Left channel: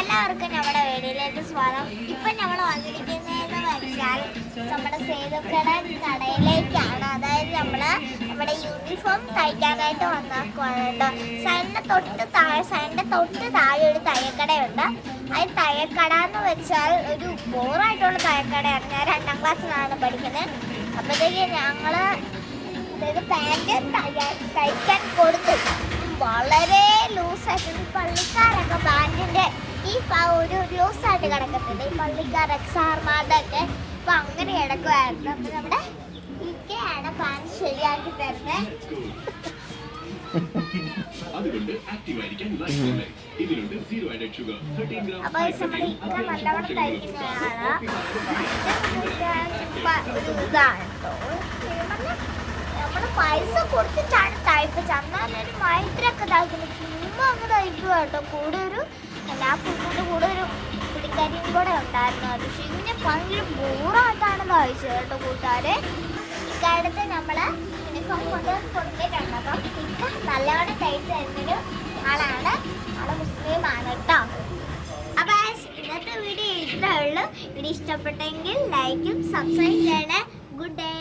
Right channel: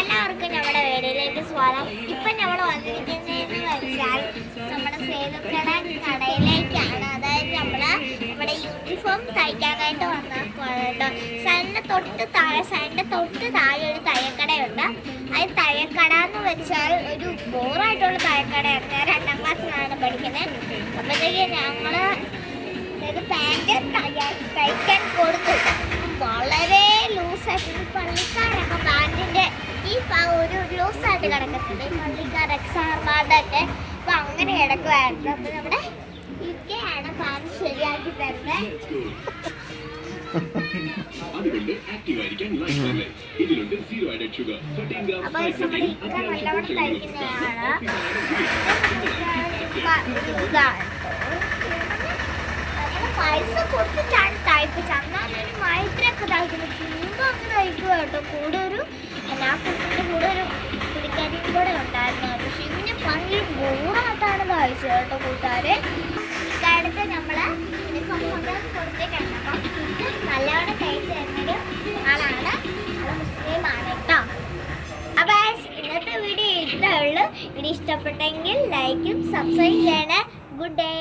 എല്ലാവർക്കും നമ്മുടെ വീഡിയോയിലേക്ക് സ്വാഗതം. ഇപ്പം നമ്മൾ വന്നിരിക്കുന്നതെന്ന് വെച്ചാൽ നമ്മുടെ സേതുക്കട കടയിലേക്കാണ്. അതായത് നമ്മുടെ യൂണിഫോം തയ്ക്കാനായിട്ട് വന്നേക്കുവാണ് കേട്ടോ. സൈഡിൻ്റെ തൊട്ട് താഴെ ഒരു തയ്യക്കടയുണ്ട്. അത് തയ്യക്കട എന്ന് വെച്ചാൽ ഒരു ബോറായിട്ടുള്ള തയ്യക്കടയാണ്. ഞാൻ 2ാം ക്ലാസ്സിലാണ് പഠിക്കുന്നത്. അപ്പോഴത്തേക്ക് ഞങ്ങൾ പാൻറ് തയ്ക്കാൻ കൊടുത്തു. വളരെ ലൂസായിട്ട് പള്ളിക്കാരൊക്കെ പാൻറ്റിൻ്റെ ഈ ഒരു ലൂസായിട്ട് കിടക്കുന്നത് പള്ളിക്കാരൊക്കെ സാർമാരുടെ ഒക്കെ അപ്പം അങ്ങനെ കിടക്കുമായിരുന്നു. അപ്പം നമ്മുടെ ഇക്കയാണ് പാൻറ് ശരിയാക്കി തരുന്നത്. അപ്പൊ നമ്മുടെ ഇക്ക നല്ലവണ്ണം തയ്ക്കുന്നതാണ്. ഒരു ഇതാണ് നമ്മള് പൈസ കൊടുത്തിട്ടാണ് തയ്പ്പിച്ചത്. അന്നാലൊരു മൈത്രൊക്കെ തയ്ക്കുന്നത് ചുമ്മാ അങ്ങ് തയ്ക്കുക കേട്ടോ. കൂടെ ഒരു എല്ലാ കുട്ടിൻ്റെ കൂടെ ഒരു പുള്ളിക്കാരിയും കൂടെ ഉണ്ടായിരുന്നു. അത് പിന്നെ ഭയങ്കര ബോറായിട്ടാണ് തയ്ച്ചത് കേട്ടോ കൂട്ടുകാരെ. ഇക്കാലത്ത് നമ്മള് യൂണിഫോം കൊടുത്തിട്ടുണ്ട്. അപ്പം ഇക്ക നല്ലവണ്ണം തയ്ച്ചു തരുന്നൊരു ആളാണ്. ആള് മുസ്ലിമാണ് കേട്ടോ. അപ്പൊ ഇന്നത്തെ വീഡിയോ ഇത്രേ ഉള്ളൂ. വീഡിയോ ഇഷ്ടപ്പെട്ടെങ്കിൽ ലൈക്കും സബ്സ്ക്രൈബ് ചെയ്യണേ. Good day.